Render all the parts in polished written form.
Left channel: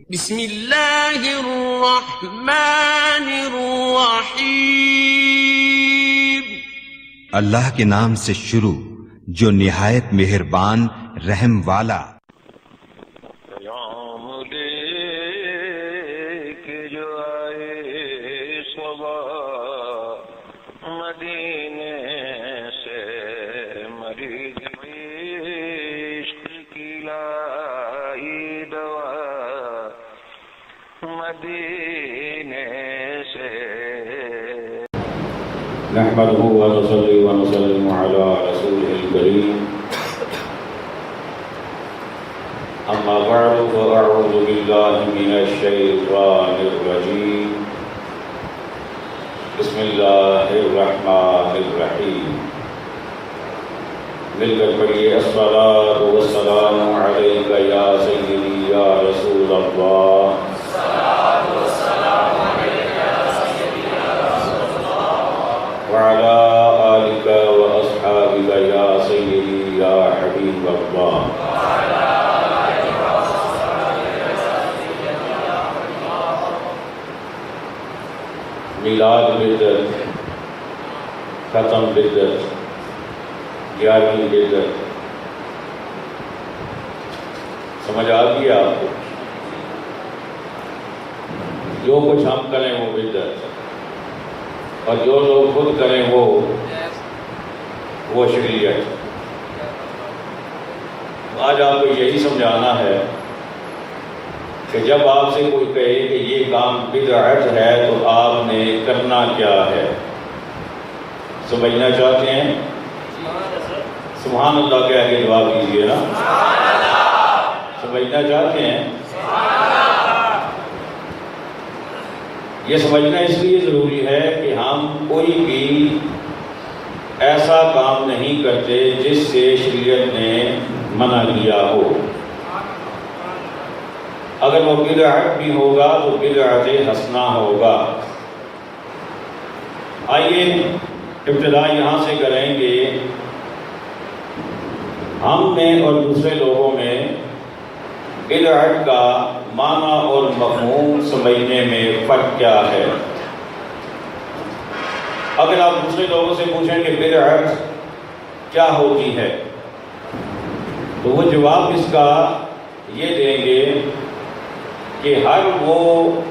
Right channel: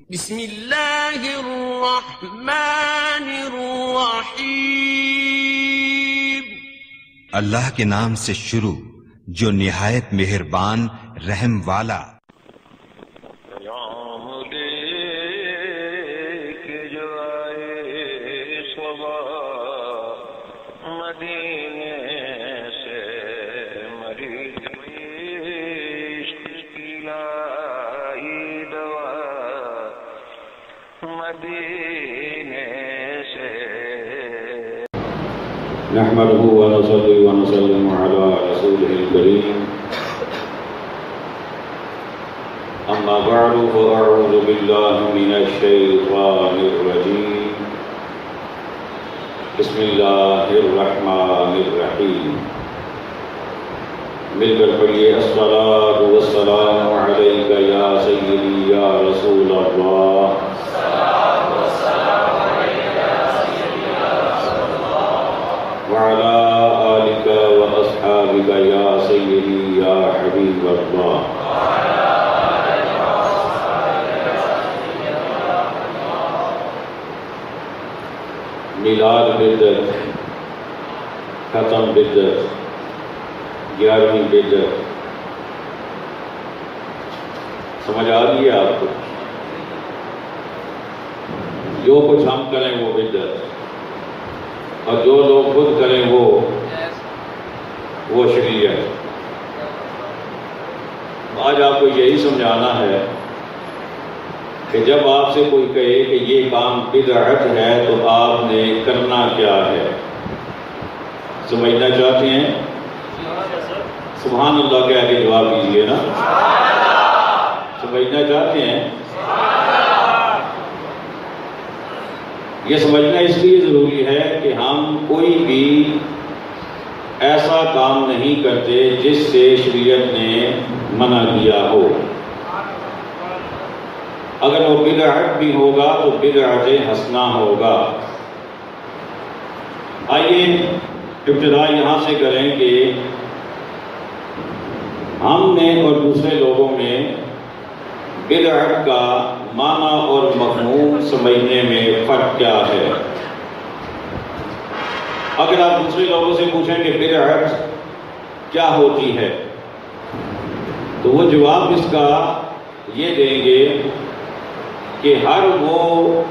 بسم اللہ الرحمن الرحیم۔ اللہ کے نام سے شروع جو نہایت مہربان رحم والا۔ پیام لے کے جو آئے صبا مدینے سے، مریض عشق کی لائی دوا مدینے سے۔ نحمده ونصلي ونسلم على رسوله الكريم، أما بعد فأعوذ بالله من الشيطان الرجيم، بسم الله الرحمن الرحيم۔ مل کر پڑھیے الصلاة والسلام عليك يا سيدي يا رسول الله۔ وعلى آلك وأصحابك يا سيدي يا حبيب الله۔ میلاد بدعت، ختم بدعت، 11ویں بدعت، سمجھ آ گئی آپ کو؟ جو کچھ ہم کریں وہ بدعت، اور جو لوگ خود کریں وہ شریعت۔ آج آپ کو یہی سمجھانا ہے کہ جب آپ سے کوئی کہے کہ یہ کام بدعت ہے تو آپ نے کرنا کیا ہے؟ سمجھنا چاہتے ہیں؟ سبحان اللہ کہہ کے جواب دیجیے نا۔ سمجھنا چاہتے ہیں؟ یہ سمجھنا اس لیے ضروری ہے کہ ہم کوئی بھی ایسا کام نہیں کرتے جس سے شریعت نے منع کیا ہو۔ اگر وہ بدعت بھی ہوگا تو بدعت حسنہ ہوگا۔ آئیے ابتدا یہاں سے کریں کہ ہم میں اور دوسرے لوگوں میں بدعت کا معنی اور مفہوم سمجھنے میں فرق کیا ہے۔ اگر آپ دوسرے لوگوں سے پوچھیں کہ بدعت کیا ہوتی ہے تو وہ جواب اس کا یہ دیں گے کہ ہر وہ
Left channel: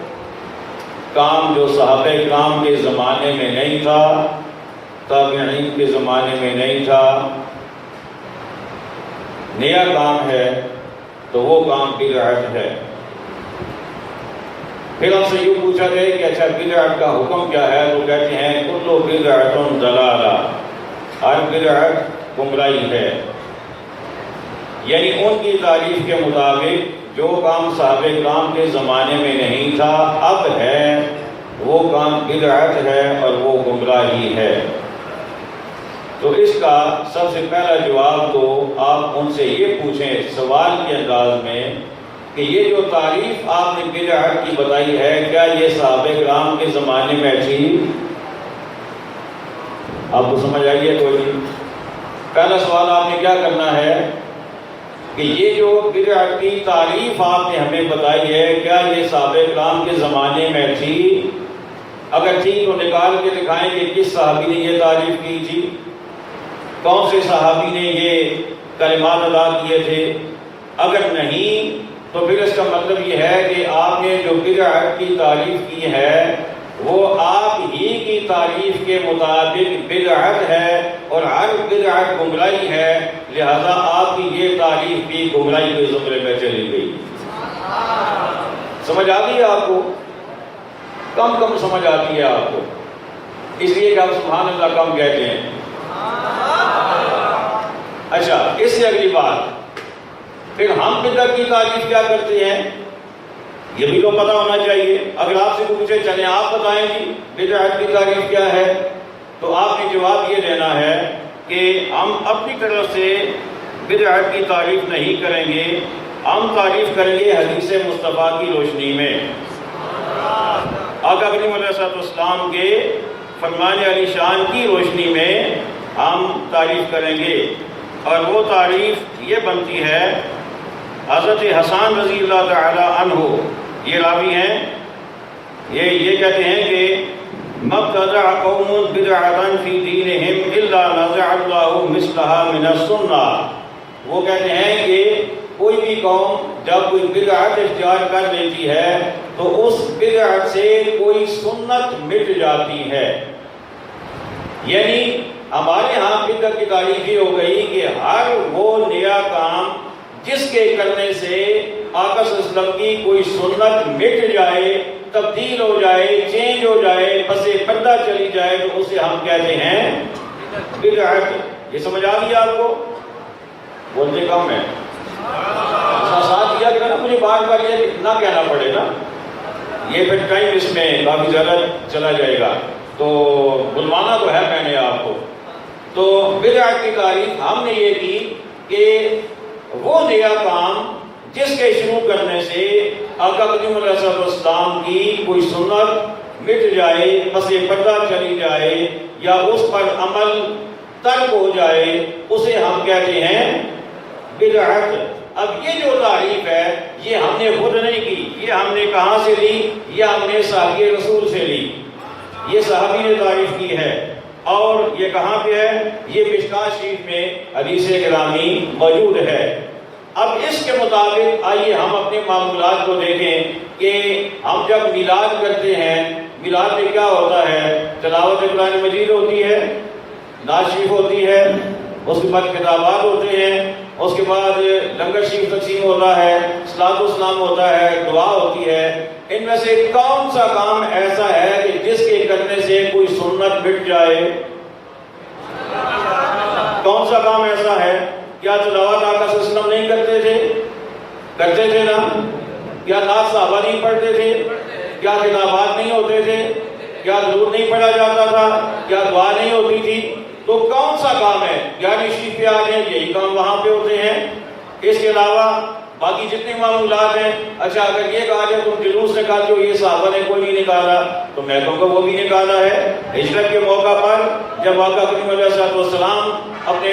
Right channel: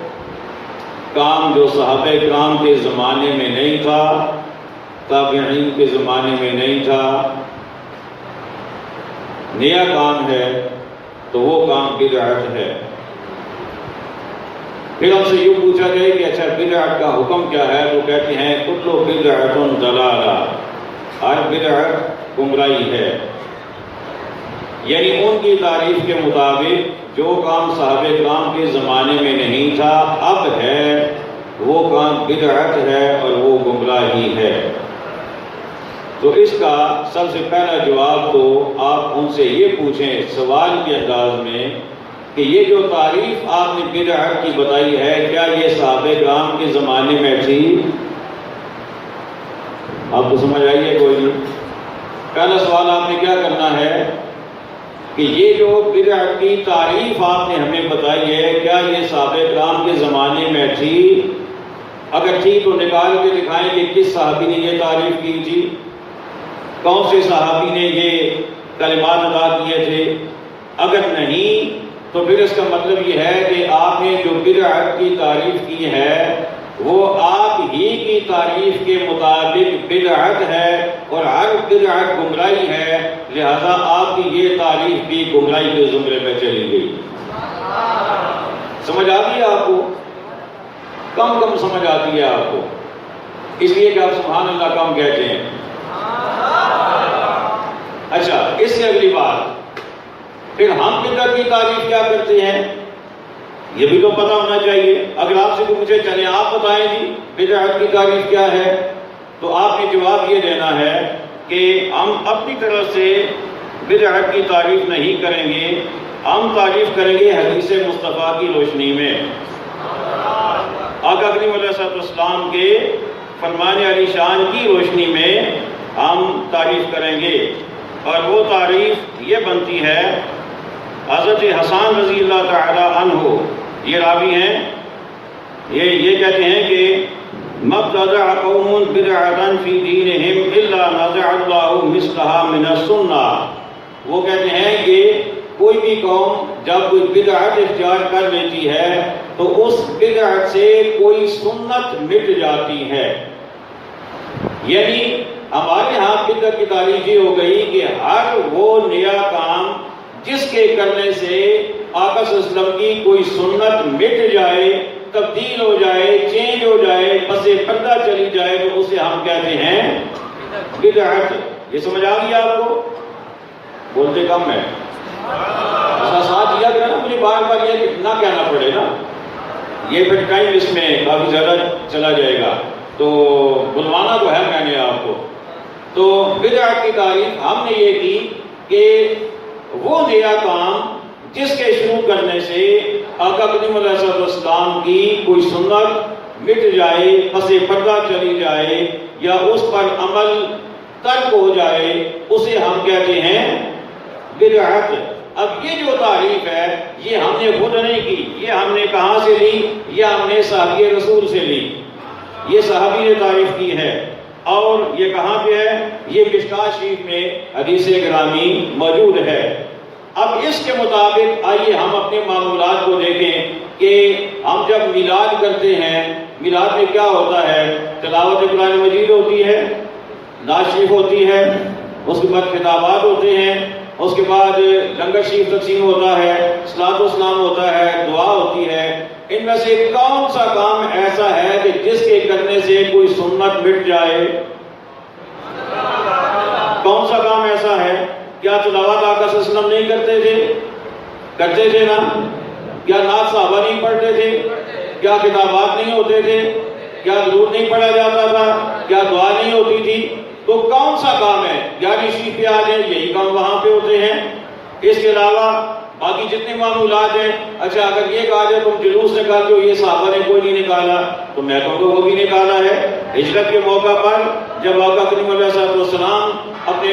کام جو صحابہ کرام کے زمانے میں نہیں تھا، تابعین کے زمانے میں نہیں تھا، نیا کام ہے تو وہ کام بدعت ہے۔ پھر ہم سے یوں پوچھا گیا کہ اچھا بدعت کا حکم کیا ہے؟ تو کہتے ہیں کل بدعت ضلالہ، ہر بدعت گمراہی ہے۔ یعنی ان کی تعریف کے مطابق جو کام صحابہ کرام کے زمانے میں نہیں تھا اب ہے، وہ کام بدعت ہے اور وہ گمراہی ہے۔ تو اس کا سب سے پہلا جواب تو آپ ان سے یہ پوچھیں سوال کے انداز میں کہ یہ جو تعریف آپ نے بدعت کی بتائی ہے کیا یہ صحابہ کرام کے زمانے میں تھی؟ آپ کو سمجھ آئیے کوئی نہیں؟ پہلا سوال آپ نے کیا کرنا ہے کہ یہ جو بدعت کی تعریف آپ نے ہمیں بتائی ہے کیا یہ صحابہ کرام کے زمانے میں تھی؟ اگر تھی تو نکال کے دکھائیں کہ کس صحابی نے یہ تعریف کی تھی، کون سے صحابی نے یہ کلمات ادا کیے تھے۔ اگر نہیں تو پھر اس کا مطلب یہ ہے کہ آپ نے جو بدعت کی تعریف کی ہے وہ آپ ہی کی تعریف کے مطابق بدعت ہے اور ہر بدعت گمراہی ہے، لہذا آپ کی یہ تعریف بھی گمراہی کے زمرے میں چلی گئی۔ سمجھ آتی ہے آپ کو؟ کم سمجھ آتی ہے آپ کو، اس لیے کہ آپ سبحان اللہ کم کہتے ہیں۔ اچھا، اس سے اگلی بات پھر ہم بدعت کی تعریف کیا کرتے ہیں یہ بھی تو پتہ ہونا چاہیے۔ اگر آپ سے پوچھے چلیں آپ بتائیں جی بدعت کی تعریف کیا ہے تو آپ نے جواب یہ دینا ہے کہ ہم اپنی طرف سے بدعت کی تعریف نہیں کریں گے، ہم تعریف کریں گے حدیث مصطفیٰ کی روشنی میں، آقا کریم علیہ السلام کے فرمان علی شان کی روشنی میں ہم تعریف کریں گے۔ اور وہ تعریف یہ بنتی ہے حضرت حسان رضی اللہ تعالی عنہ یہ راوی ہیں، یہ کہتے ہیں کہ مبتدع قوم بدعۃ فی دینہم الا نزع اللہ مثلها من السنہ، وہ کہتے ہیں کہ کوئی بھی قوم جب کوئی بدعت اختیار کر لیتی ہے تو اس بدعت سے کوئی سنت مٹ جاتی ہے. یعنی ہمارے ہاں بدعت کی تعریف یہ ہو گئی کہ ہر وہ نیا کام جس کے کرنے سے آقا صلی اللہ علیہ وسلم کی کوئی سنت مٹ جائے، تبدیل ہو جائے، چینج ہو جائے، پس پردہ چلی جائے، تو اسے ہم کہتے ہیں بدعت. یہ سمجھ آ گیا آپ کو؟ بولتے کم ہے، ساتھ دیا کرنا، مجھے بار بار یہ نہ کہنا پڑے نا، یہ پھر ٹائم اس میں کافی زیادہ چلا جائے گا، تو بلوانا تو ہے میں نے آپ کو. تو بدعت کی تعریف ہم نے یہ کی کہ وہ نیا کام جس کے شروع کرنے سے آقا کریم علیہ السلام کی کوئی سنت مٹ جائے، پس پردہ چلی جائے، یا اس پر عمل ترک ہو جائے، اسے ہم کہتے ہیں بدعت. اب یہ جو تعریف ہے یہ ہم نے خود نہیں کی، یہ ہم نے کہاں سے لی؟ یہ ہم نے صحابی رسول سے لی، یہ صحابی نے تعریف کی ہے. اور یہ کہاں پہ ہے؟ یہ مشکاۃ شریف میں حدیث گرامی موجود ہے. اب اس کے مطابق آئیے ہم اپنے معمولات کو دیکھیں کہ ہم جب میلاد کرتے ہیں، میلاد میں کیا ہوتا ہے؟ تلاوت قرآن مجید ہوتی ہے، نعت شریف ہوتی ہے، اس کے بعد خطابات ہوتے ہیں، اس کے بعد لنگر شریف تقسیم ہوتا ہے، صلاۃ و سلام ہوتا ہے، دعا ہوتی ہے. ان میں سے کون سا کام ایسا ہے کہ جس کے کرنے سے کوئی سنت مٹ جائے؟ کون سا کام ایسا ہے؟ کیا تلاوت آقا صلی اللہ علیہ وسلم نہیں کرتے تھے؟ کرتے تھے نا. کیا نعت صحابہ نہیں پڑھتے تھے؟ کیا کتابات نہیں ہوتے تھے؟ کیا درود نہیں پڑھا جاتا تھا؟ کیا دعا نہیں ہوتی تھی؟ تو کون سا کام ہے؟ یعنی شریف پہ آ جائیں، یہی کام وہاں پہ ہوتے ہیں. اس کے علاوہ باقی جتنے معمولات ہیں، اچھا اگر یہ کہا جائے تم جلوس نکالتے ہو، یہ صحابہ نے کوئی نہیں نکالا، تو میں کہوں گا وہ بھی نکالا ہے. ہجرت کے موقع پر جب آقا کریم علیہ السلام اپنے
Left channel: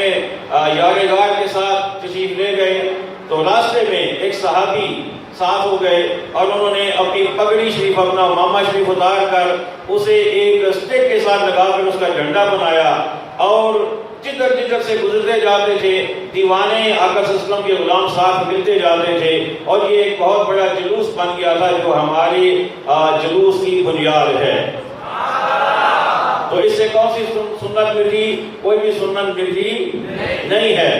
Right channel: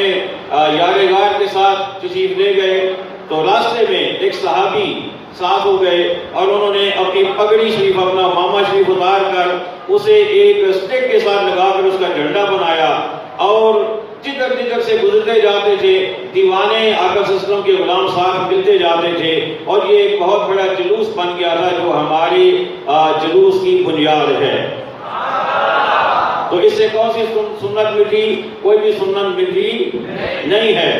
یار غار کے ساتھ تشریف لے گئے تو راستے میں ایک صحابی ساتھ ہو گئے اور انہوں نے اپنی پگڑی شریف، اپنا امامہ شریف اتار کر اسے ایک سٹک کے ساتھ لگا کر اس کا جھنڈا بنایا، اور جدھر جدھر سے گزرتے جاتے تھے دیوانے آقا صلی اللہ علیہ وسلم کے غلام ساتھ ملتے جاتے تھے، اور یہ ایک بہت بڑا جلوس بن گیا تھا جو ہماری جلوس کی بنیاد ہے. تو اس سے کون سی سنت مٹی؟ کوئی بھی سنت مٹی نہیں ہے.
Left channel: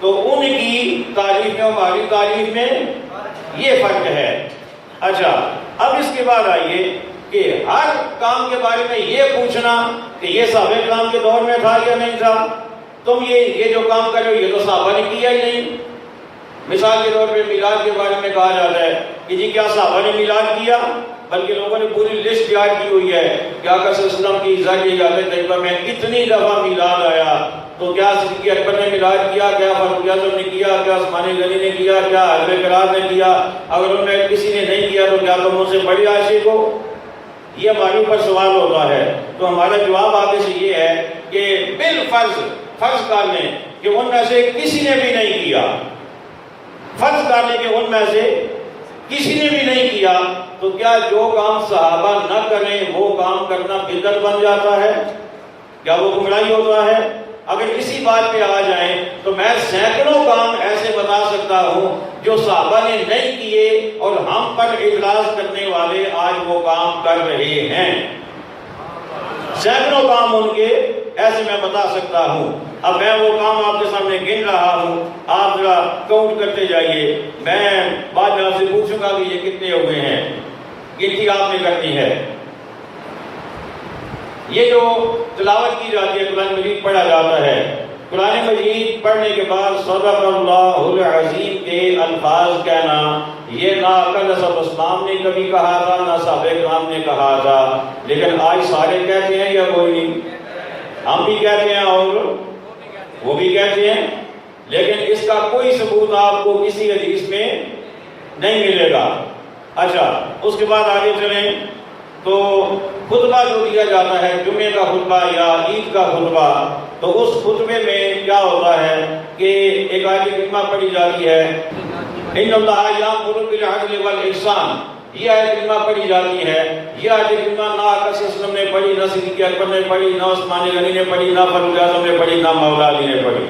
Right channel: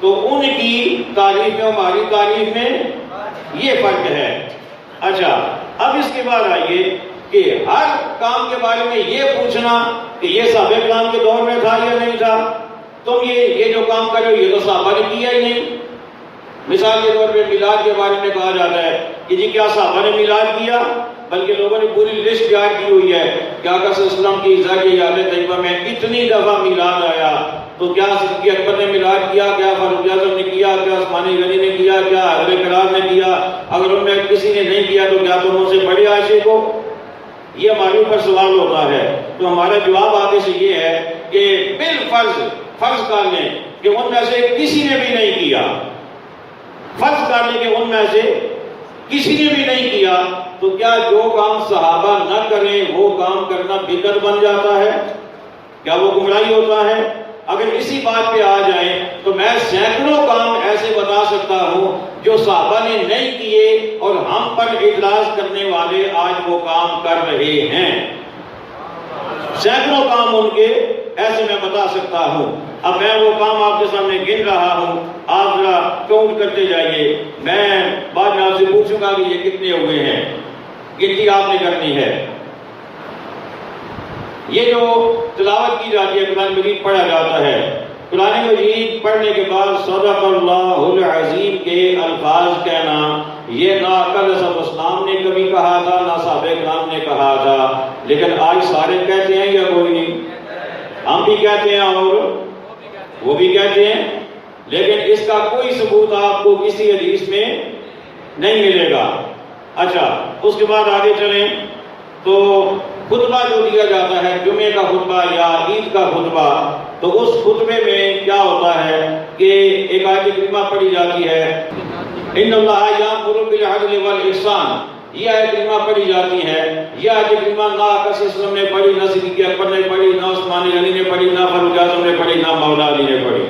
تو ان کی تعریف میں ہماری تعریف میں یہ فرق ہے. اچھا اب اس کے بعد آئیے کہ ہر کام کے بارے میں یہ پوچھنا کہ یہ صحابہ کرام کے دور میں تھا یا نہیں تھا. تم یہ جو کام کر رہے ہو یہ تو صحابہ نے کیا ہی نہیں. مثال کے طور پہ میلاد کے بارے میں کہا جاتا ہے کہ جی کیا صحابہ نے میلاد کیا؟ بلکہ لوگوں نے پوری لسٹ یاد کی ہوئی ہے کہ آقا صلی اللہ علیہ وسلم کی ذات یاد طیبہ میں اتنی دفعہ میلاد آیا. تو کیا صدیق اکبر نے میلاد کیا؟ کیا فاروق اعظم نے کیا؟ کیا عثمان غنی نے کیا؟ کیا اہل کرام نے کیا؟ اگر ان میں کسی نے نہیں کیا تو کیا تم ان سے بڑے عاشق ہو؟ یہ ہمارے اوپر سوال ہوتا ہے. تو ہمارا جواب آگے سے یہ ہے کہ بالفرض فرض کر لیں کہ ان میں سے کسی نے بھی نہیں کیا، فرض کر لیں کہ ان میں سے کسی نے بھی نہیں کیا، تو کیا جو کام صحابہ نہ کریں وہ کام کرنا بدعت بن جاتا ہے؟ کیا وہ گمراہی ہوتا ہے؟ اگر اسی بات پہ آ جائیں تو میں سینکڑوں کام ایسے بتا سکتا ہوں جو صحابہ نے نہیں کیے اور ہم پر اعتراض کرنے والے آج وہ کام کر رہے ہیں. سینکڑوں کام ان کے ایسے میں بتا سکتا ہوں. اب میں وہ کام آپ کے سامنے گن رہا ہوں، آپ ذرا کاؤنٹ کرتے جائیے. میں بعد میں آپ سے پوچھوں گا کہ یہ کتنے ہوئے ہیں، گنتی آپ نے کرنی ہے. یہ جو تلاوت کی جاتی ہے، قرآن مجید پڑھا جاتا ہے، قرآن مجید پڑھنے کے بعد صدق اللہ العظیم کے الفاظ کہنا، یہ نہ آقا علیہ السلام نے کبھی کہا تھا نہ صحابہ کرام نے کہا تھا، لیکن آج سارے کہتے ہیں یا کوئی نہیں؟ ہم بھی کہتے ہیں اور وہ بھی کہتے ہیں، لیکن اس کا کوئی ثبوت آپ کو کسی حدیث میں نہیں ملے گا. اچھا اس کے بعد آگے چلیں تو خطبہ جو دیا جاتا ہے، جمعے کا خطبہ یا عید کا خطبہ، تو اس خطبے میں کیا ہوتا ہے کہ ایک آیت کریمہ پڑھی جاتی ہے ان اللہ یامر بالعدل والاحسان، یہ آیت کریمہ پڑھی جاتی ہے. یہ آیت کریمہ نہ آقا صلی اللہ علیہ وسلم نے پڑھی، نہ صدیق اکبر نے پڑھی، نہ عثمان غنی نے پڑھی، نہ فاروق اعظم نے پڑھی، نہ مولا علی نے پڑھی،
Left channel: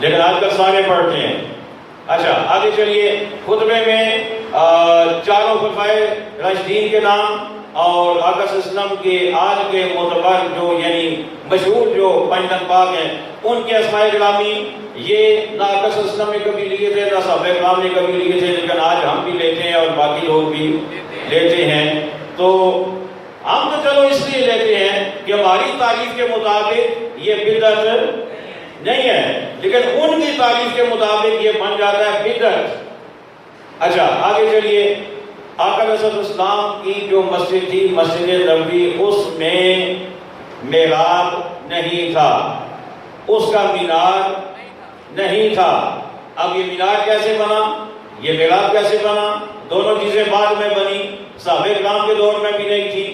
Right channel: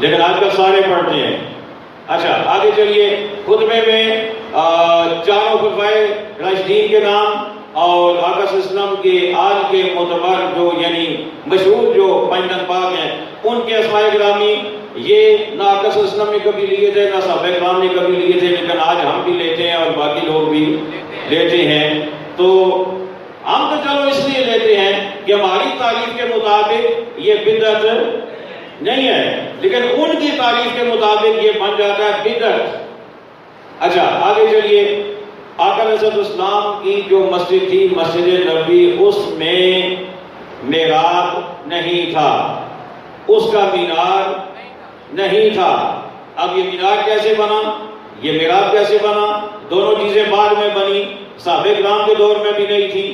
لیکن آج کل سارے پڑھتے ہیں. اچھا آگے چلیے. خطبے میں چاروں خلفائے راشدین کے نام اور آقا صلی اللہ علیہ وسلم کے آل کے معتبر جو یعنی مشہور جو پنجتن پاک ہیں ان کے اسماء گرامی یہ نہ آقا صلی اللہ علیہ وسلم نے کبھی لیے تھے نہ صحابہ کرام نے کبھی لیے تھے، لیکن آج ہم بھی لیتے ہیں اور باقی لوگ بھی لیتے ہیں. تو ہم تو چلو اس لیے لیتے ہیں کہ ہماری تعریف کے مطابق یہ بدعت نہیں ہے، لیکن ان کی تعریف کے مطابق یہ بن جاتا ہے بدعت. اچھا آگے چلیے. آقا علیہ السلام کی جو مسجد تھی مسجد نبوی، اس میں محراب نہیں تھا، اس کا مینار نہیں تھا. اب یہ مینار کیسے بنا، یہ محراب کیسے بنا؟ دونوں چیزیں بعد میں بنی، صحابہ کرام کے دور میں بھی نہیں تھی.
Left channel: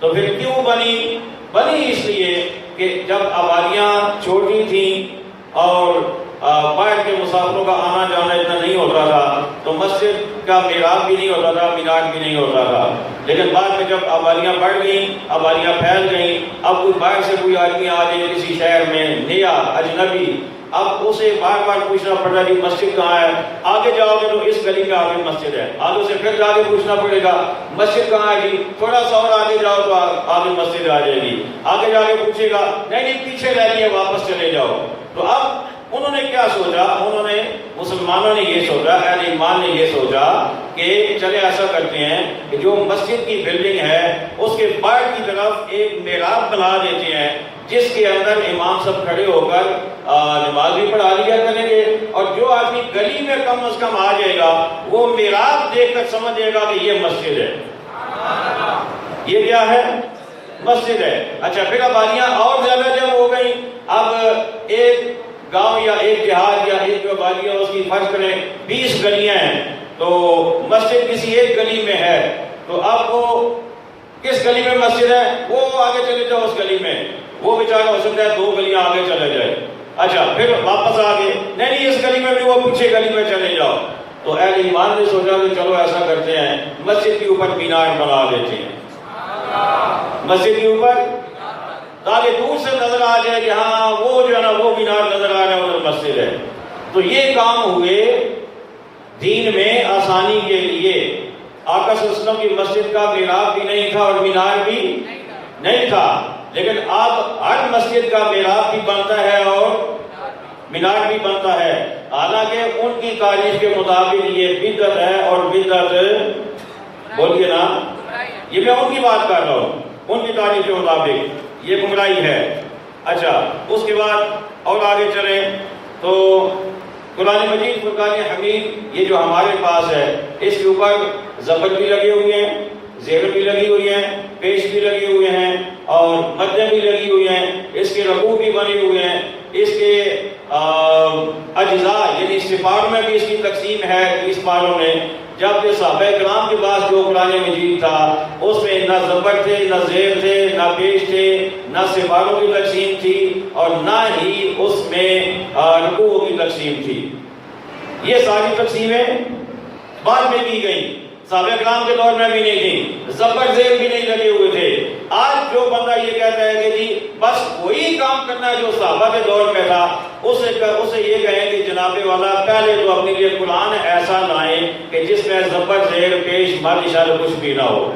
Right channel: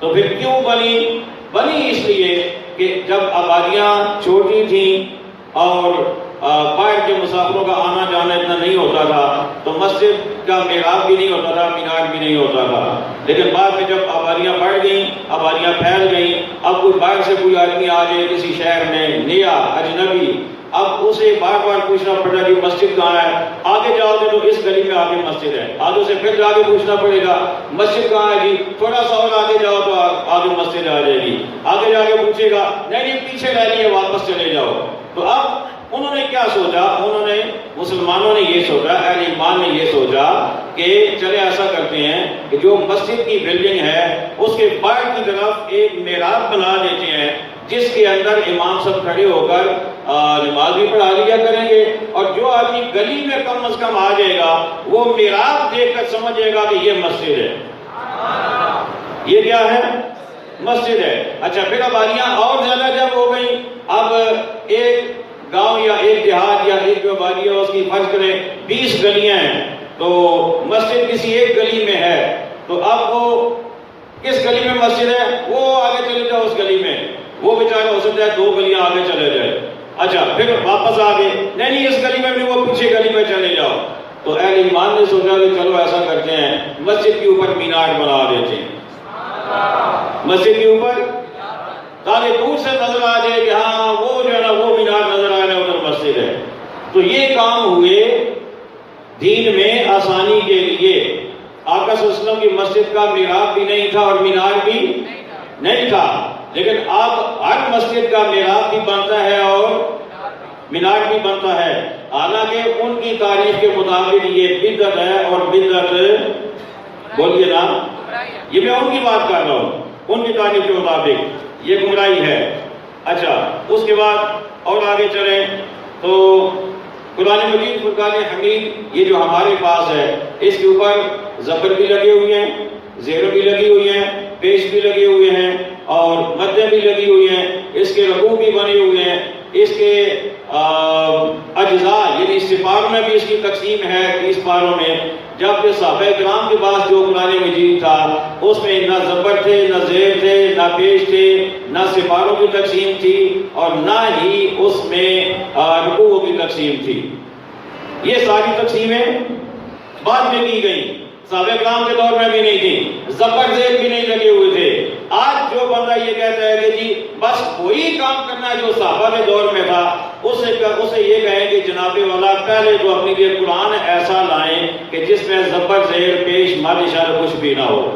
تو پھر کیوں بنی؟ بنی اس لیے کہ جب آبادیاں چھوٹی تھیں اور باہر کے مسافروں کا آنا جانا اتنا نہیں ہوتا تھا تو مسجد کا محراب بھی نہیں ہوتا تھا، مینار بھی نہیں ہوتا تھا. لیکن بعد میں جب آبادیاں بڑھ گئیں، آبادیاں پھیل گئیں، اب کوئی باہر سے کوئی آدمی آ جائے کسی شہر میں نیا اجنبی، اب اسے بار بار پوچھنا پڑتا جی مسجد کہاں ہے؟ آگے جاؤ گے تو اس گلی میں آگے مسجد ہے، آگے سے پھر آگے پوچھنا پڑے گا مسجد کہاں ہے جی، تھوڑا سا اور آگے جاؤ تو آگے مسجد آ جائے گی. آگے جا کے پوچھے گا نہیں پیچھے رہ رہی ہے واپس چلے جاؤ. تو اب انہوں نے کیا سوچا؟ انہوں نے مسلمانوں نے یہ سوچا، اہل ایمان نے یہ سوچا کہ چلے ایسا کرتے ہیں کہ جو مسجد کی بلڈنگ ہے اس کے باہر کی طرف ایک محراب بنا دیتے ہیں جس کے اندر امام سب کھڑے ہو کر نماز بھی پڑھا لیا کریں گے، اور جو آدمی گلی میں کم از کم آ جائے گا وہ محراب دیکھ کر سمجھے گا کہ یہ مسجد ہے. یہ کیا ہے؟ مسجد ہے. اچھا پھر آبادیاں اور زیادہ جب ہو گئی، اب ایک گاؤں یا ایک دیہات یا ایک جو آبادی ہے اس کی فرض کریں 20 گلیاں ہیں، تو مسجد کسی ایک گلی میں ہے، تو اب وہ کس گلی میں مسجد ہے وہ آگے چلے جاؤ اس گلی میں، وہ بیچارہ ہو سکتا ہے 2 گلیاں آگے چلے جائے. اچھا پھر واپس آگے نہیں اس گلی میں بھی، وہ پیچھے گلی میں چلے جاؤ. تو اہل ایمان نے سوچا کہ چلو ایسا کرتے ہیں مسجد کے اوپر مینار بنا دیتے ہیں، مسجد کے اوپر، تاکہ دور سے نظر آ جائے کہ ہاں وہ جو ہے نا وہ مینار نظر آ رہا ہے ادھر مسجد ہے. تو یہ کام ہوئے دین میں آسانی کے لیے. آقا صلی اللہ علیہ وسلم کی مسجد کا محراب بھی نہیں تھا اور مینار بھی نہیں تھا، لیکن اب ہر مسجد کا محراب بھی بنتا ہے اور مینار بھی بنتا ہے. حالانکہ ان کی تاریخ کے مطابق یہ بدعت ہے، اور بدعت بولیے نا، یہ میں ان کی بات کر رہا ہوں، ان کی تاریخ کے مطابق یہ گمراہی ہے. اچھا اس کے بعد اور آگے چلیں تو قرآن مجید فرقان حمید یہ جو ہمارے پاس ہے اس کے اوپر زبر بھی لگے ہوئے ہیں، زیر بھی لگی ہوئی ہیں، پیش بھی لگے ہوئے ہیں اور مدیں بھی لگی ہوئی ہیں، اس کے رکوع بھی بنے ہوئے ہیں، اس کے اجزاء یعنی سپاروں میں بھی اس کی تقسیم ہے 30 پاروں میں. جب کہ صحابہ کرام کے پاس جو قرآن مجید تھا اس میں نہ زبر تھے، نہ زیر تھے، نہ پیش تھے، نہ سپاروں کی تقسیم تھی اور نہ ہی اس میں رکوعوں کی تقسیم تھی. یہ ساری تقسیمیں بعد میں کی گئی، صحابہ کرام کے دور میں بھی نہیں تھی، زبر زیر بھی نہیں لگے ہوئے تھے. آج جو بندہ یہ کہتا ہے کہ جی بس وہی کام کرنا ہے جو صحابہ کے دور میں تھا، اسے یہ کہیں کہ جناب والا پہلے تو اپنے لیے قرآن ایسا لائیں کہ جس میں زبر زیر پیش مد اشارہ کچھ بھی نہ ہو.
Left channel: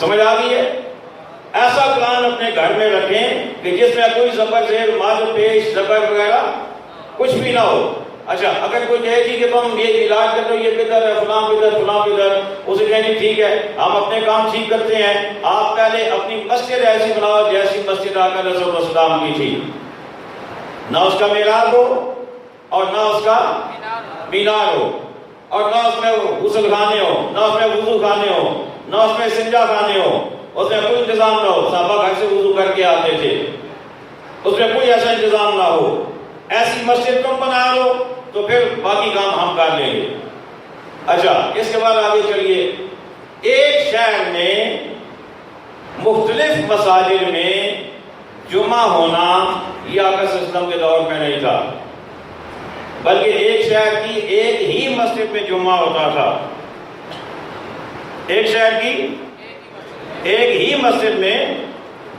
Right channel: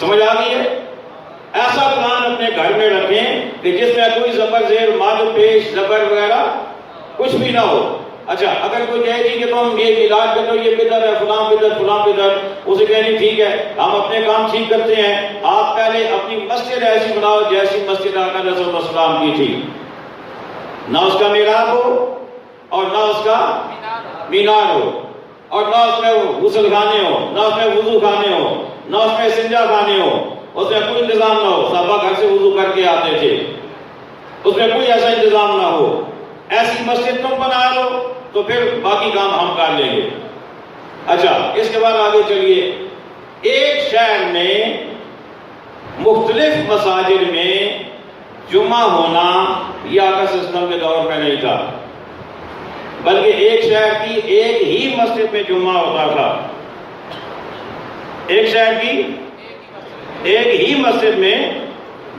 سمجھ آ گئی ہے؟ ایسا قرآن اپنے گھر میں رکھیں کہ جس میں کوئی زبر زیر مد پیش زبر وغیرہ کچھ بھی نہ ہو. اچھا اگر کوئی کہے جی کہ تم یہ علاج کر دو، یہ بدعت ہے، فلاں بدعت فلاں بدعت، اسے کہیں جی ٹھیک ہے ہم اپنے کام ٹھیک کرتے ہیں، آپ پہلے اپنی مسجد ایسی بناؤ جیسی مسجد آقا علیہ السلام کی تھی، نہ اس کا محراب ہو اور نہ اس کا مینار ہو اور نہ اس میں غسل خانے ہو، نہ اس میں وضو خانے ہو، نہ اس میں استنجا خانے ہو، اس میں کوئی انتظام نہ ہو. صحابہ گھر سے وضو کر کے آتے تھے، اس میں کوئی ایسا انتظام نہ ہو. ایسی مسجد تم بنا لو تو پھر باقی کام ہم کر لیں گے. اچھا اس کے بعد آگے چلیے. ایک شہر میں مختلف مساجد میں جمعہ ہونا یہ آقا صلی اللہ علیہ وسلم کے دور میں نہیں تھا. بلکہ ایک شہر کی ایک ہی مسجد میں جمعہ ہوتا تھا، ایک شہر کی ایک ہی مسجد میں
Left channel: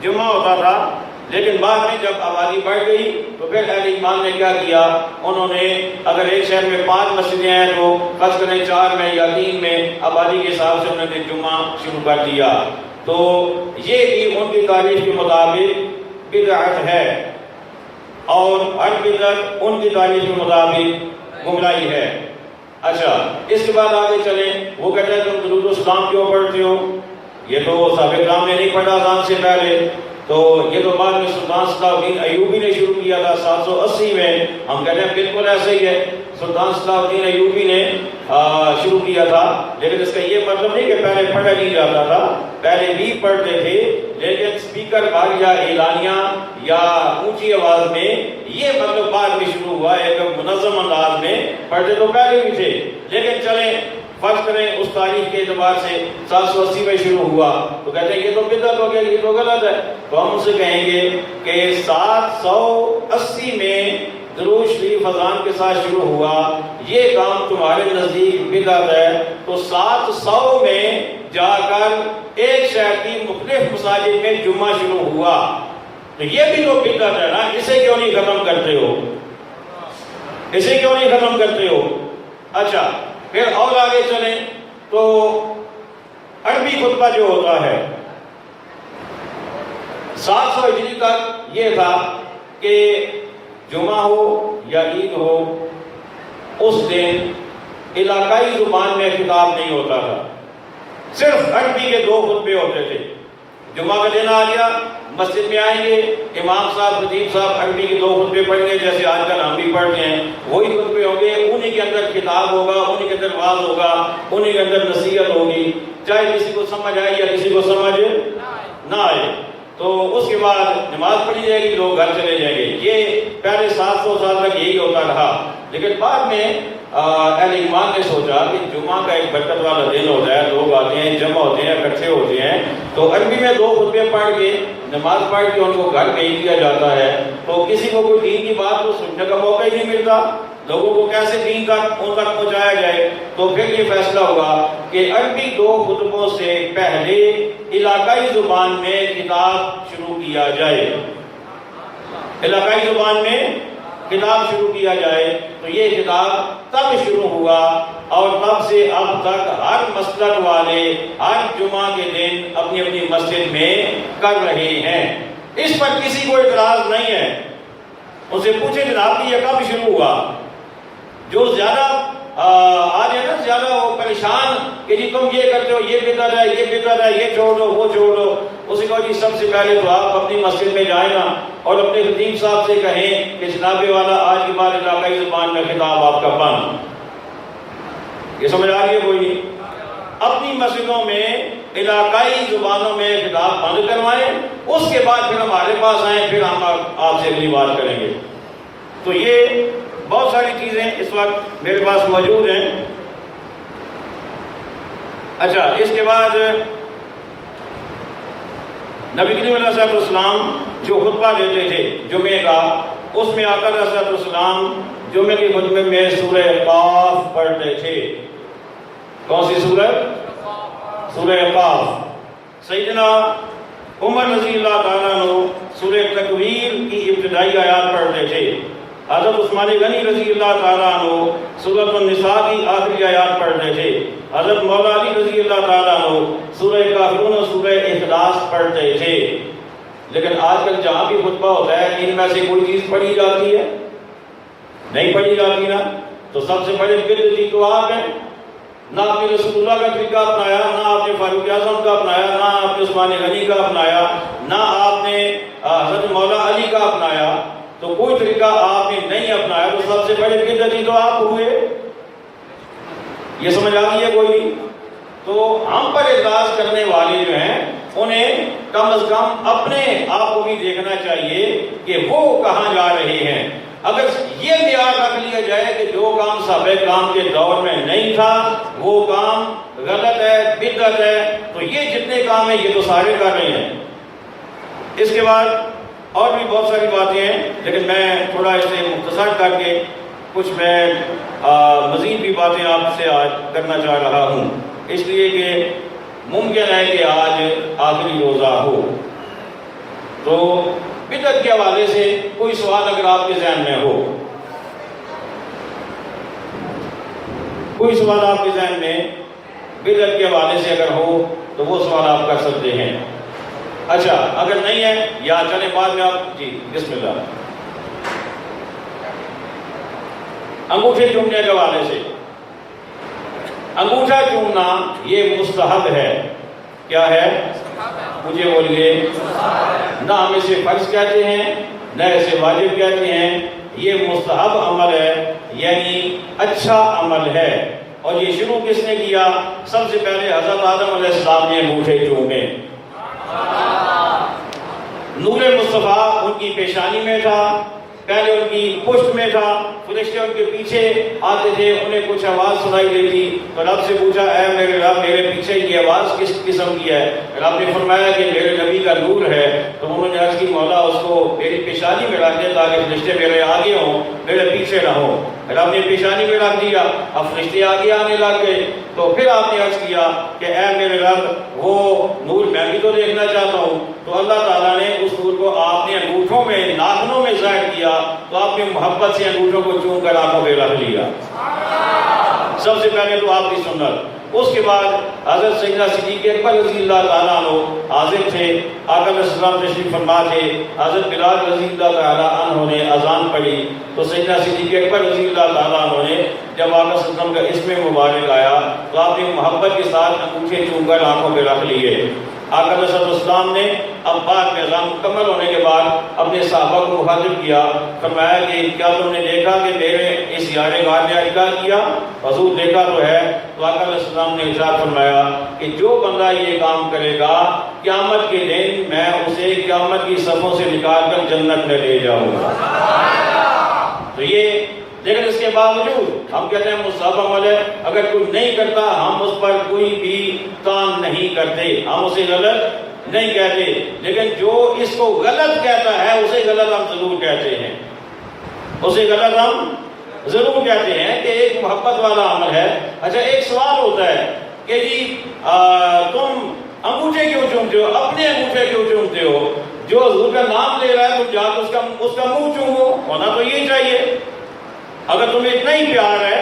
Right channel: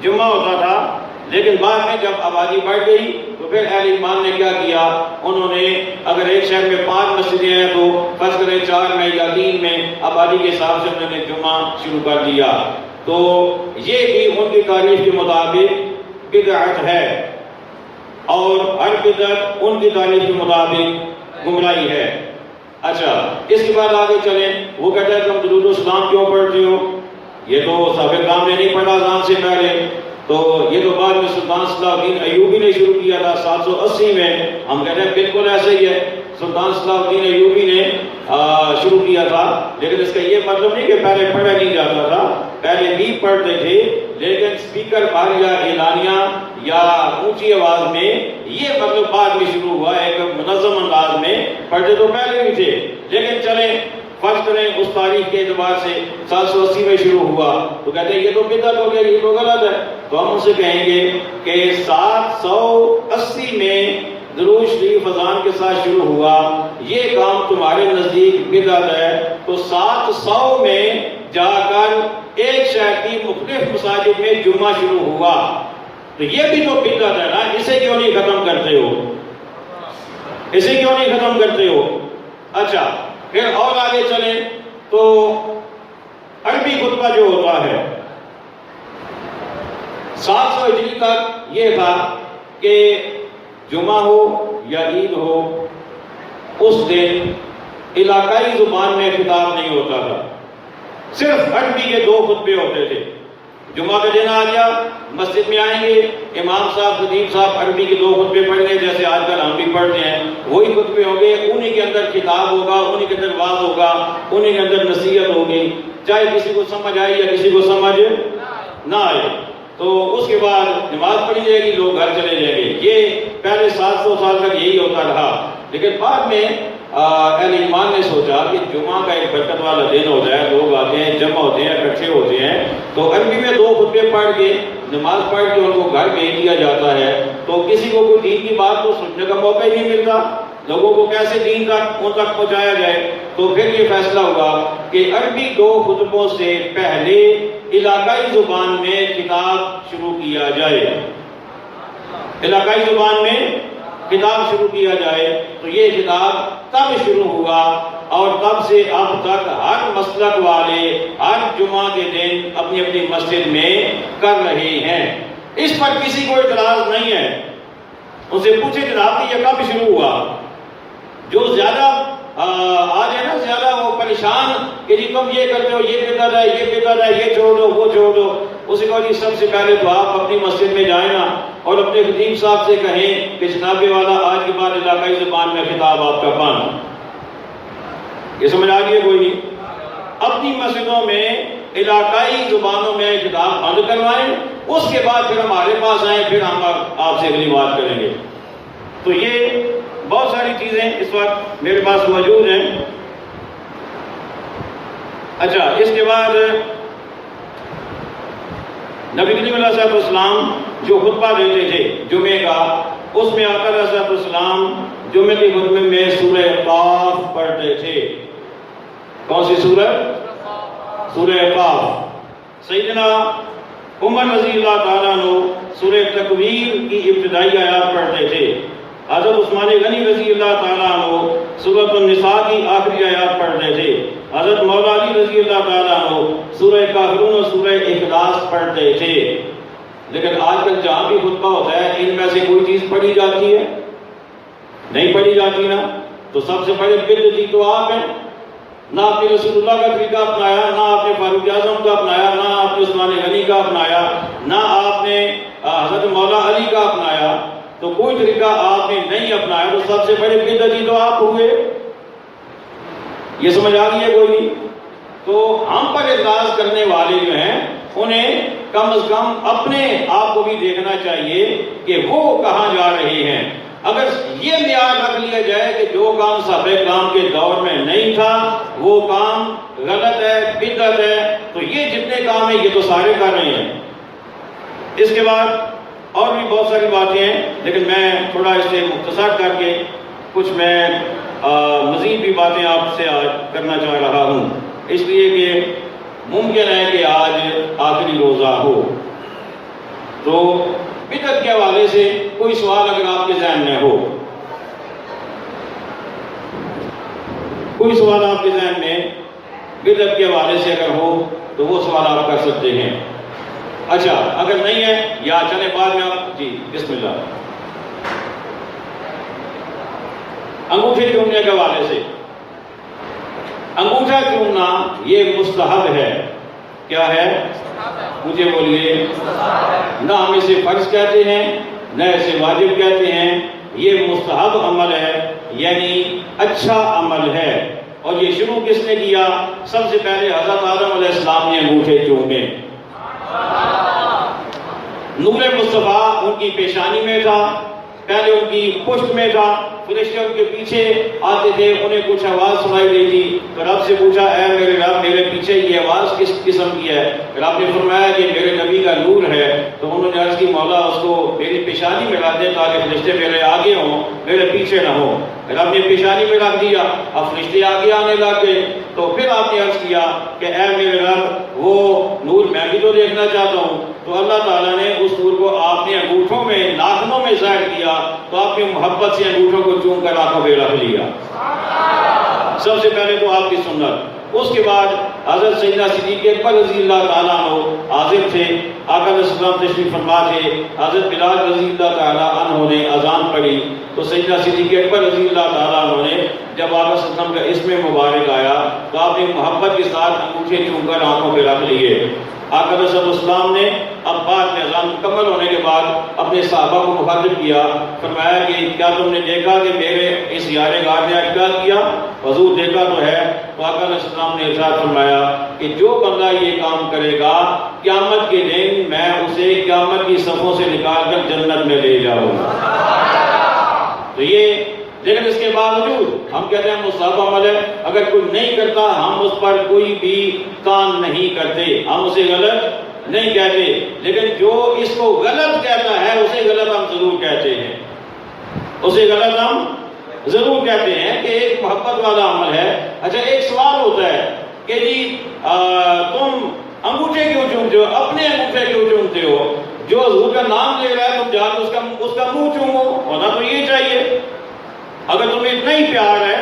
جمعہ ہوتا تھا۔ لیکن بعد میں جب آبادی بڑھ گئی تو پھر اہل ایمان نے کیا کیا، انہوں نے اگر ایک شہر میں 5 مسجدیں ہیں تو فرض کریں 4 میں یا 3 میں آبادی کے حساب سے انہوں نے جمعہ شروع کر دیا۔ تو یہ بھی ان کی تاریخ کے مطابق بدعت ہے، اور ہر بدعت ان کی تاریخ کے مطابق گمراہی ہے۔ اچھا، اس کے بعد آگے چلیں، وہ کہتے ہیں تم درود و سلام کیوں پڑھتے ہو؟ یہ تو صحابہ کرام نے نہیں پڑھا اذان سے پہلے، تو یہ تو بعد میں سلطان صلاح الدین ایوبی نے شروع کیا تھا 780 میں۔ ہم کہتے ہیں بالکل ایسا ہی ہے، سلطان صلاح الدین ایوبی نے شروع کیا تھا، لیکن اس کا یہ مطلب نہیں کہ پہلے پڑھا نہیں جاتا تھا، پہلے بھی پڑھتے تھے، لیکن سپیکر پر یا اعلانیہ یا اونچی آواز میں یہ مطلب بعد میں شروع ہوا، ایک منظم انداز میں پڑھتے تو پہلے بھی تھے۔ لیکن چلیں فرض کریں اس تاریخ کے اعتبار سے 780 میں شروع ہوا، تو کہتے ہیں یہ تو بدعت ہو گیا، یہ تو غلط ہے۔ تو ہم ان سے کہیں گے کہ 780 میں درود شریف اذان کے ساتھ شروع ہوا، یہ کام تمہارے نزدیک بدعت ہے، تو 700 میں جا کر ایک شہر کی مختلف مساجد میں جمعہ شروع ہوا، تو یہ بھی تو بدعت ہے نا، اسے کیوں نہیں ختم کرتے ہو؟ اسے کیوں نہیں ختم کرتے ہو؟ اچھا، پھر اور آگے چلیں تو عربی خطبہ جو ہوتا ہے 700 ہجری تک یہ تھا کہ جمعہ ہو یا عید ہو، اس دن علاقائی زبان میں خطاب نہیں ہوتا تھا، صرف عربی کے 2 خطبے ہوتے تھے۔ جمعہ کا دن آ گیا، مسجد میں آئیں گے، امام صاحب خطیب صاحب عربی کے 2 خطبے پڑھیں گے، جیسے آج کل ہم بھی پڑھتے ہیں، وہی خطبے ہوں گے، انہی کے اندر خطاب ہوگا، انہی کے اندر واعظ ہوگا، انہی کے اندر نصیحت ہوگی، چاہے کسی کو سمجھ آئے یا کسی کو سمجھ نہ آئے۔ تو اس کے بعد نماز پڑھی جائے گی، لوگ گھر چلے جائیں گے۔ یہ پہلے 700 سال تک یہی ہوتا رہا، لیکن بعد میں اہل ایمان نے سوچا کہ جمعہ کا ایک برکت والا دن ہوتا ہے، لوگ آتے ہیں، جمع ہوتے ہیں، اکٹھے ہوتے ہیں، تو عربی میں 2 خطبے پڑھ کے نماز پڑھ کے ان کو گھر بھیج دیا جاتا ہے، تو کسی کو کوئی دین کی بات تو سننے کا موقع ہی نہیں ملتا، لوگوں کو کیسے دین تک ان تک پہنچایا جائے؟ تو پھر یہ فیصلہ ہوگا کہ عربی 2 خطبوں سے پہلے علاقائی زبان میں خطاب شروع کیا جائے، علاقائی زبان میں خطاب شروع کیا جائے۔ تو یہ خطاب تب شروع ہوا، اور تب سے اب تک ہر مسلک والے ہر جمعہ کے دن اپنی اپنی مسجد میں کر رہے ہیں، اس پر کسی کو اعتراض نہیں ہے۔ ان سے پوچھے جناب کہ یہ کب شروع ہوا؟ جو زیادہ آج ہے نا، زیادہ وہ پریشان کہ جی تم یہ کرتے ہو، یہ بدعت ہے، یہ بدعت ہے، یہ چھوڑ دو، وہ چھوڑ دو، اسے کہو جی سب سے پہلے تو آپ اپنی مسجد میں جائیں نا، اور اپنے خطیب صاحب سے کہیں کہ جناب والا آج کے بعد علاقائی زبان میں خطاب آپ کا بند۔ یہ سمجھ آ گئی کوئی نہیں؟ اپنی مسجدوں میں علاقائی زبانوں میں خطاب بند کروائیں، اس کے بعد پھر ہمارے پاس آئیں، پھر ہم آپ سے اگلی بات کریں گے۔ تو یہ بہت ساری چیزیں اس وقت میرے پاس موجود ہیں۔ اچھا، اس کے بعد نبی کریم علیہ السلام جو خطبہ دیتے تھے جمعے کا، اس میں آقا علیہ السلام جمعے کے خطبے میں سورہ قاف پڑھتے تھے۔ کون سی سورہ؟ سورہ قاف۔ سیدنا عمر رضی اللہ تعالیٰ عنہ سورہ تکویر کی ابتدائی آیات پڑھتے تھے، حضرت عثمان غنی رضی اللہ تعالیٰ عنہ سورۃ النساء کی آخری آیات پڑھتے تھے، حضرت مولا علی رضی اللہ تعالیٰ عنہ سورہ کافرون اور سورہ اخلاص پڑھتے تھے۔ لیکن آج کل جہاں بھی خطبہ ہوتا ہے ان میں سے کوئی چیز پڑھی جاتی ہے؟ نہیں پڑھی جاتی نا۔ تو سب سے بڑے بدعتی تو آپ ہیں، نہ آپ نے رسول اللہ کا طریقہ اپنایا، نہ آپ نے فاروق اعظم کا اپنایا، نہ آپ نے عثمان غنی کا اپنایا، نہ آپ نے حضرت مولا علی کا اپنایا، تو کوئی طریقہ آپ نے نہیں اپنایا، تو سب سے بڑے بدعتی تو آپ ہوئے۔ یہ سمجھ آ گئی ہے کوئی نہیں؟ تو ہم پر اعتراض کرنے والے جو ہیں انہیں کم از کم اپنے آپ کو بھی دیکھنا چاہیے کہ وہ کہاں جا رہے ہیں۔ اگر یہ معیار رکھ لیا جائے کہ جو کام صحابہ کرام کے دور میں نہیں تھا وہ کام غلط ہے، بدعت ہے، تو یہ جتنے کام ہیں یہ تو سارے کر رہے ہیں۔ اس کے بعد اور بھی بہت ساری باتیں ہیں، لیکن میں تھوڑا اسے مختصر کر کے کچھ میں مزید بھی باتیں آپ سے آج کرنا چاہ رہا ہوں، اس لیے کہ ممکن ہے کہ آج آخری روزہ ہو، تو بدعت کے حوالے سے کوئی سوال اگر آپ کے ذہن میں ہو، کوئی سوال آپ کے ذہن میں بدعت کے حوالے سے اگر ہو تو وہ سوال آپ کر سکتے ہیں۔ اچھا اگر نہیں ہے یا چلے بعد میں آپ جی بسم اللہ۔ انگوٹھے چومنے کے حوالے سے، انگوٹھا چومنا یہ مستحب ہے۔ کیا ہے؟ مجھے بولیے۔ نہ ہم اسے فرض کہتے ہیں نہ اسے واجب کہتے ہیں، یہ مستحب عمل ہے، یعنی اچھا عمل ہے۔ اور یہ شروع کس نے کیا؟ سب سے پہلے حضرت آدم علیہ السلام نے انگوٹھے چومے۔ نور مصطفیٰ ان کی پیشانی میں تھا، پہلے ان کی پشت میں تھا، فرشتے ان کے پیچھے آتے تھے، انہیں کچھ آواز سنائی دیتی تو رب سے پوچھا، اے میرے رب میرے پیچھے یہ آواز کس قسم کی ہے؟ رب نے فرمایا کہ میرے نبی کا نور ہے۔ تو انہوں نے عرض کی، مولا اس کو میری پیشانی میں رکھ دے تاکہ فرشتے میرے آگے ہوں، میرے پیچھے نہ ہوں۔ رب نے پیشانی میں رکھ دیا، اب فرشتے آگے آنے لگ گئے۔ تو پھر آپ نے عرض کیا کہ اے میرے رب وہ نور میں بھی تو دیکھنا چاہتا ہوں۔ تو اللہ تعالیٰ نے اس نور کو آپ نے انگوٹھوں میں، ناخنوں میں ظاہر کیا، تو آپ نے محبت سے انگوٹھوں کو چوم کر آنکھوں پہ رکھ لیا۔ سب سے پہلے تو آپ کی سنت۔ اس کے بعد حضرت سیدنا صدیق اکبر رضی اللہ تعالیٰ عنہ حاضر تھے، آقا علیہ السلام تشریف فرما تھے، حضرت بلال رضی اللہ تعالیٰ عنہ نے اذان پڑھی تو سیدنا صدیق اکبر رضی اللہ تعالیٰ عنہ نے جب آقا صلی اللہ علیہ وسلم کا اسم مبارک آیا تو آپ نے محبت کے ساتھ انگوٹھے چوم کر آنکھوں پہ رکھ لیے۔ آقا علیہ السلام نے اب بعد میں اذان مکمل ہونے کے بعد اپنے صحابہ کو مخاطب کیا، فرمایا کہ کیا تم نے دیکھا کہ میرے اس یار غار نے آج کیا کیا؟ حضور دیکھا تو ہے۔ تو آقا علیہ السلام نے ارشاد فرمایا کہ جو بندہ یہ کام کرے گا قیامت کے دن میں اسے قیامت کی صفوں سے نکال کر جنت میں لے جاؤں گا۔ تو یہ لیکن اس کے باوجود ہم کہتے ہیں مستحب عمل ہے، اگر کوئی نہیں کرتا ہم اس پر کوئی بھی تان نہیں کرتے، ہم اسے غلط نہیں کہتے، لیکن جو اس کو غلط کہتا ہے اسے غلط ہم ضرور کہتے ہیں، اسے غلط ہم ضرور کہتے ہیں کہ ایک محبت والا عمل ہے۔ اچھا ایک سوال ہوتا ہے کہ جی تم انگوٹھے کیوں چومتے ہو؟ اپنے انگوٹھے کیوں چومتے ہو؟ جو حضور کا نام لے رہا ہے تم جا کے اس کا منہ چومو، ہونا تو یہ چاہیے۔ اگر تمہیں اتنا ہی پیار ہے،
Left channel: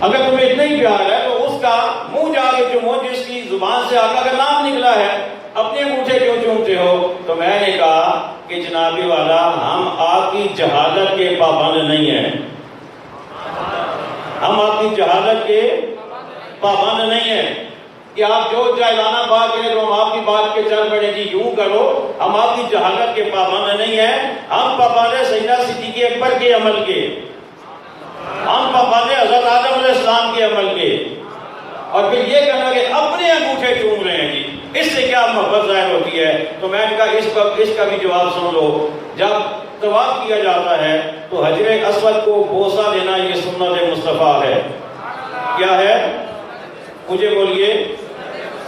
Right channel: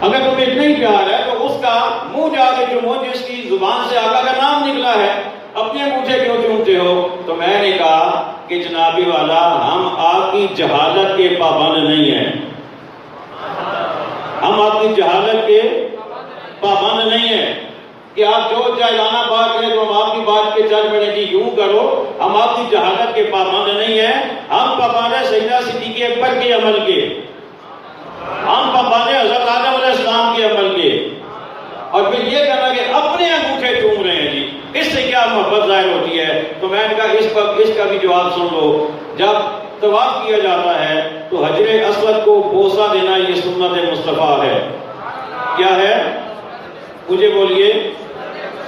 اگر تمہیں اتنا ہی پیار ہے تو اس کا منہ جا کے چومو جس کی زبان سے آقا کا نام نکلا ہے، اپنے انگوٹھے کیوں چومتے ہو؟ تو میں نے کہا کہ جناب والا ہم آپ کی جہالت کے پابند نہیں ہیں، ہم آپ کی جہالت کے پابند نہیں ہیں کہ آپ جو جاہلانہ بات کریں تو ہم آپ کی بات پہ چل پڑیں کہ یوں کرو، ہم آپ کی جہالت کے پابند نہیں ہیں، ہم پابند ہیں سیدنا صدیق اکبر کے عمل کے، ہم پابند ہیں حضرت آدم علیہ السلام کے عمل کے۔ اور پھر یہ کہنا کہ اپنے انگوٹھے چوم رہے ہیں جی، اس سے کیا محبت ظاہر ہوتی ہے؟ تو میں نے کہا اس کا بھی جواب سن لو۔ جب طواف کیا جاتا ہے تو حجر اسود کو بوسہ دینا یہ سنت مصطفیٰ ہے۔ کیا ہے؟ مجھے بولیے۔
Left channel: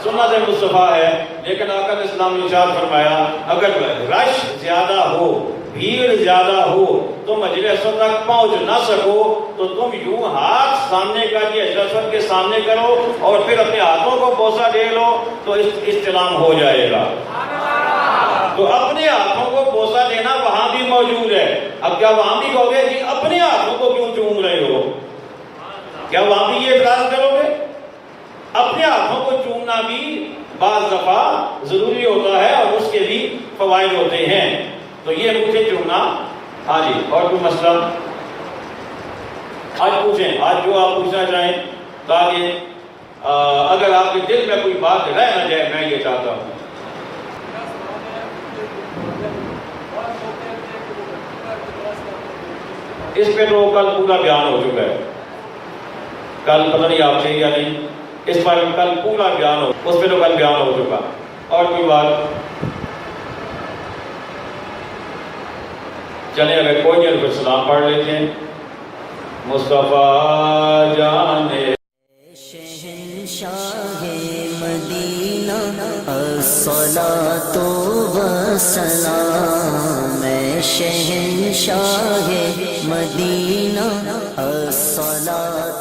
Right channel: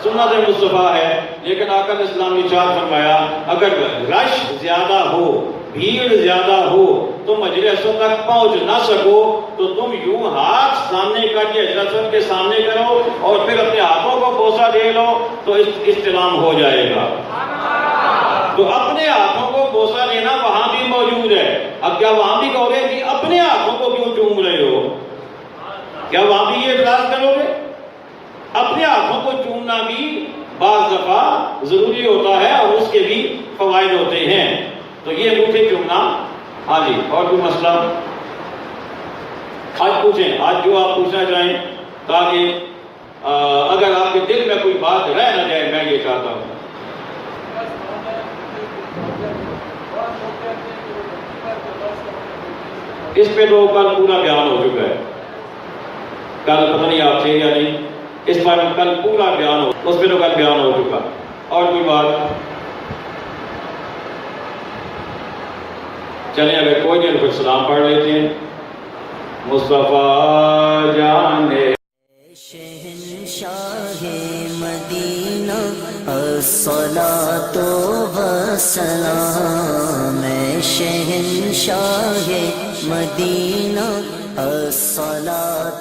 سنت مصطفیٰ ہے، لیکن آقا علیہ السلام نے ارشاد فرمایا اگر رش زیادہ ہو، بھیڑ زیادہ ہو، تم حجر اسود تک پہنچ نہ سکو تو تم یوں ہاتھ سامنے کر کے حجر اسود کے سامنے کرو اور پھر اپنے ہاتھوں کو بوسہ دے لو تو استلام ہو جائے گا۔ تو اپنے ہاتھوں کو بوسہ دینا وہاں بھی موجود ہے۔ اب کیا وہاں بھی کہو گے کہ اپنے ہاتھوں کو کیوں چوم رہے ہو؟ کیا وہاں بھی یہ اعتراض کرو گے؟ اپنے ہاتھوں کو چومنا بھی بعض دفعہ ضروری ہوتا ہے اور اس کے بھی فوائد ہوتے ہیں۔ تو یہ انگوٹھے چومنا، ہاں جی، اور کوئی مسئلہ آج پوچھیں، آج جو آپ پوچھنا چاہیں، تاکہ اگر آپ کے دل میں کوئی بات رہ نہ جائے، میں یہ چاہتا ہوں۔ اس پہ تو کل پورا بیان ہو چکا ہے، کل پتہ نہیں آپ تھے یا نہیں، اس پر کل پورا بیان ہو، اس پہ تو کل بیان ہو چکا۔ اور کوئی بات؟ چلیں اگر کوئی نہیں پھر سلام پڑھ لیتے ہیں۔ مصطفیٰ جانے شہنشاہ مدینہ الصلاۃ والسلام شہنشاہ مدینہ الصلاۃ